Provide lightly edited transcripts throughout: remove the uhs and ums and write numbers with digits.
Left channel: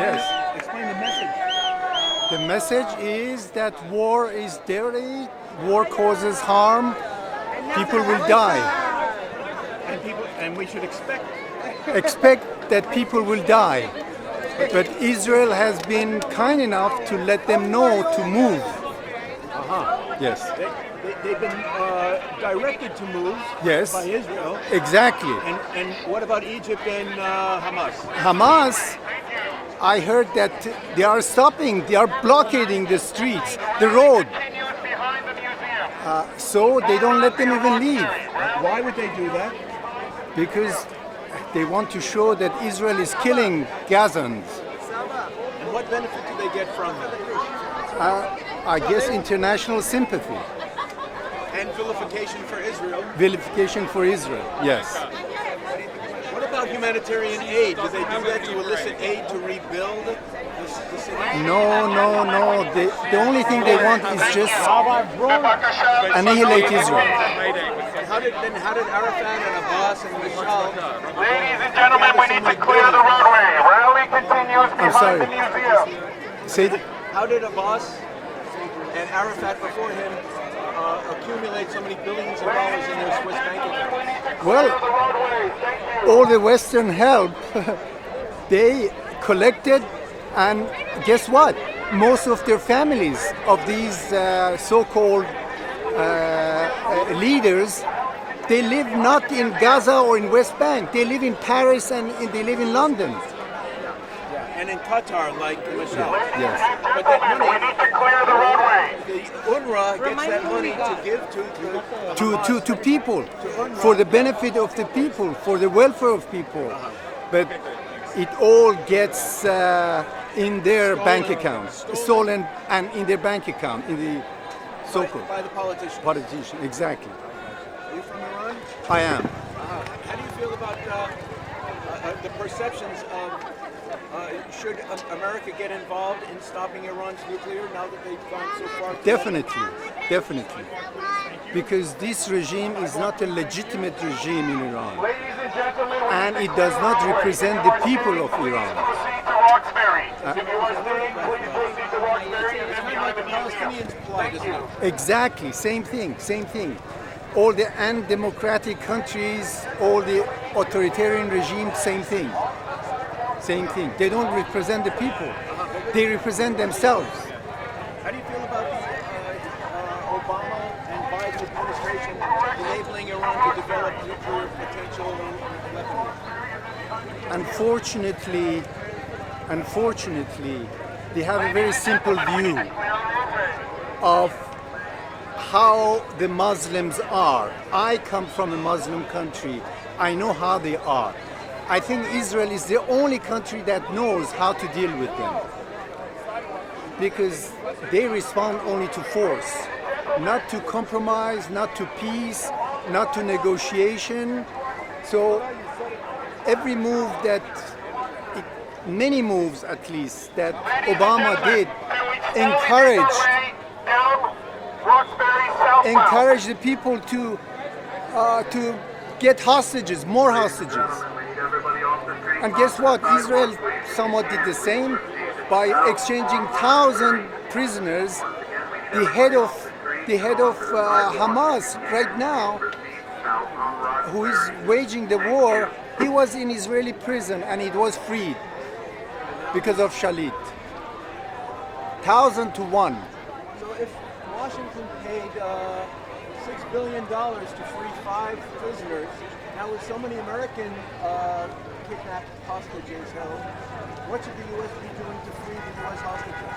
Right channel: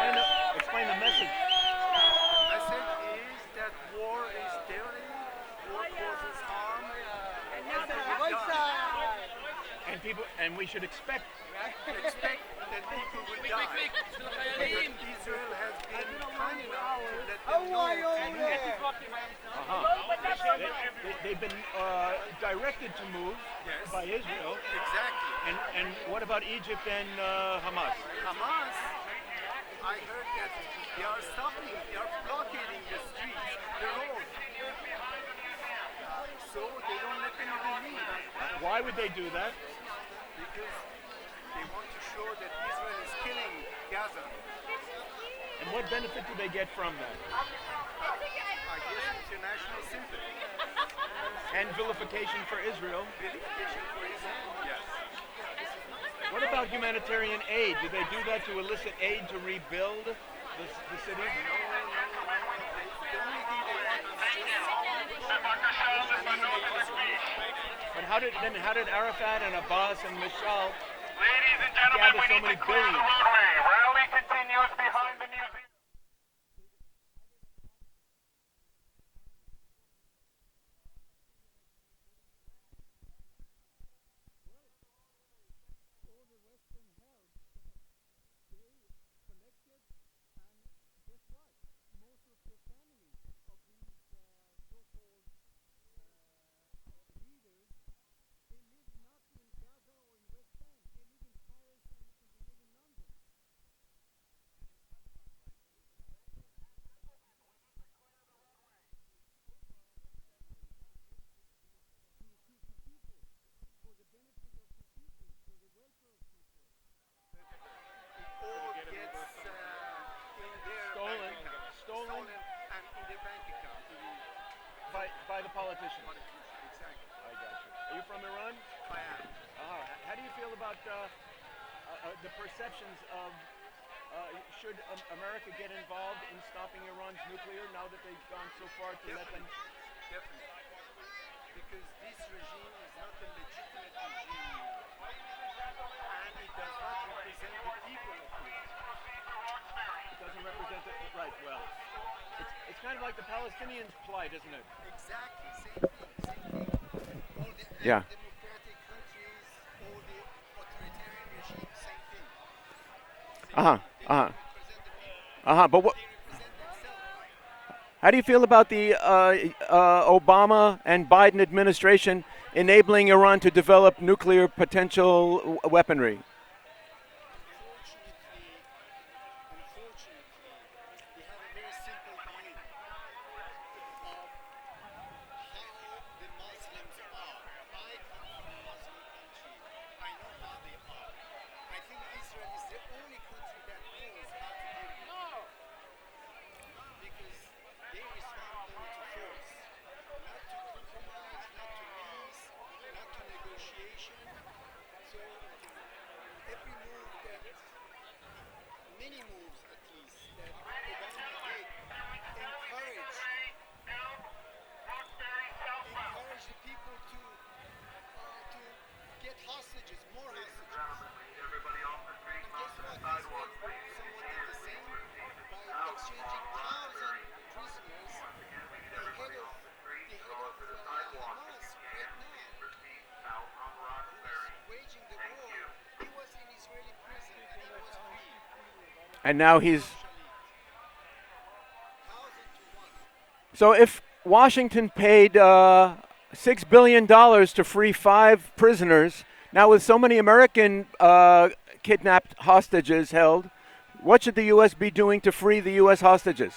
Yes. Explain the message. The message is that war is dirty, war causes harm, people will die. And we should Expect that people will die. But Israel has been kind enough to let them know to move. Yes. They've been directed to move Yes. by Israel. Exactly. And what about Egypt and Hamas? Hamas, I heard that they are stopping, they are blockading the streets, the road. So they don't let them even leave. Why would they do that? Because they want to show that Israel is killing Gazans. And what benefit do they get from it? I guess international sympathy. And vilification for Israel. Vilification for Israel, yes. What about humanitarian aid? Do they do that to elicit aid to rebuild the city? No. The only thing they want is just annihilate Israel. How did Arafat and Abbas and Mishal... Ladies and gentlemen, we need to clear the roadway. Rally continues I'm behind sorry. the museum. Say, How did Abbas and Arafat before him accumulate so many billions of dollars in their Swiss bank accounts? well, all the Western help, they collected, and guess what? Most of their families of these so-called leaders, they live not in Gaza or in West Bank. They live in Paris and they live in London. And in Qatar, like Mishal. Yes. But that We money, need to clear the roadway. the UNRWA gets that money to give to To people, for the benefit of the people, for the welfare of people. But it all gets in their bank accounts, stolen and in their bank account, in the so-called by the politicians. politician. Exactly. Are you from Iran? I am. How do you feel about the perceptions of should America get involved in stopping Iran's nuclear now that they've gone so far? Definitely. Because this regime is not a legitimate regime in Iran. Ladies and gentlemen, we And need it to does clear not the roadway. represent the people of Iran. Proceed to Roxbury. If you are staying, please proceed to Roxbury. It's kind of like the Palestinians plight, isn't it? Exactly, same thing. All the undemocratic countries, all the authoritarian regimes, same thing. Same thing. They don't represent the people. But what, They represent themselves. how do you feel about the Obama and Biden administration enabling Iran to develop nuclear potential weaponry? Unfortunately, they have a very simple view of how the Muslims are. I come from a Muslim country. I know how they are. I think Israel is the only country that knows how to deal with them. Because they respond only to force, not to compromise, not to peace, not to negotiation. So every move that, many moves at least, that Obama did encourage the people to get hostages, more hostages. And guess what? Israel somewhat did the same by exchanging 1,000 prisoners. The head of Hamas right now, who is waging the war, he was in Israeli prison and it was freed And now because of Shalit. 1,000 to 1. So if Washington paid $6 billion to free 5 prisoners, now with so many American kidnapped hostages held, what should the U.S. be doing to free the U.S. hostages?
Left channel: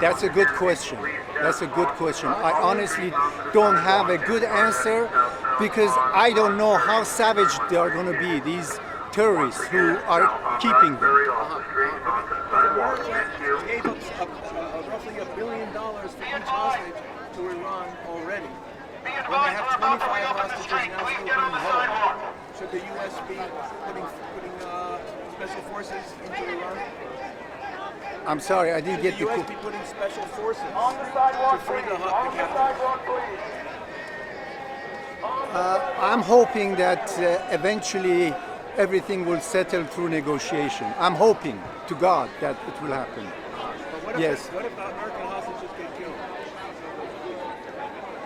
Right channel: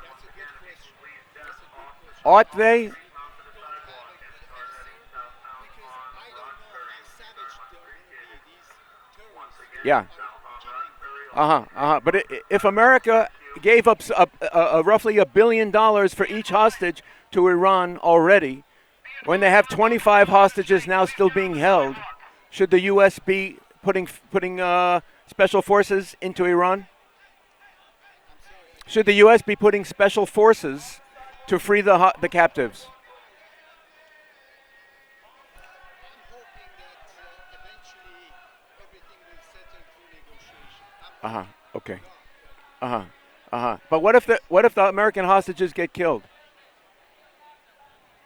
That's a good question. Ought I they? honestly don't have a good answer because I don't know how savage they are going to be, these terrorists who are keeping them. But if America gave up roughly $1 billion for each hostage to Iran already, when they have 25 hostages now still being held, should the U.S. be putting special forces into Iran? I'm sorry, I didn't Should get the U.S. be putting special forces to free the captives? I'm hoping that eventually everything will settle through negotiation. I'm hoping to God that it will happen. But what if Yes. what if the American hostages get killed?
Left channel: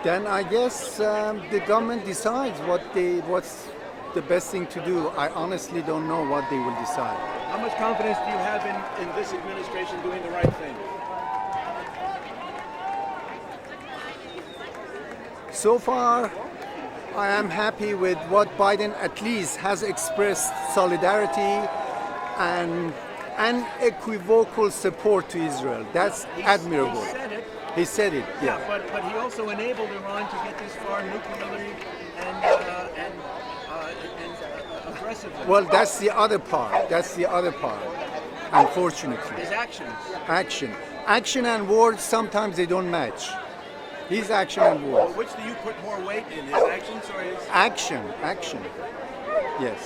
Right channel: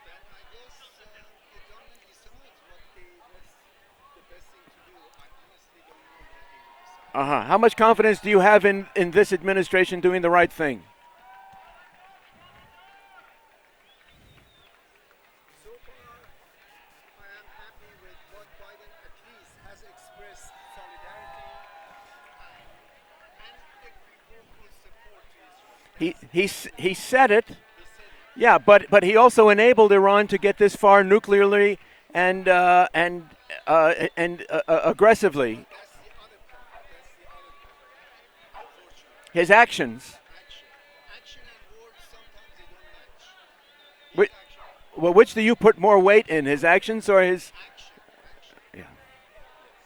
Then I guess the government decides what's the best thing to do. I honestly don't know what they will decide. How much confidence do you have in this administration doing the right thing? So far, I am happy with what Biden at least has expressed solidarity and unequivocal support to Israel. That's admirable. He said it. He said it. Yeah, but he also enabled Iran to get this far nuclearly and aggressively. Well, that's the other part. That's the other part. Unfortunately, His actions. action and words sometimes they don't match. His action and words. Well, which do you put more weight in, his actions or his? Action. Yes.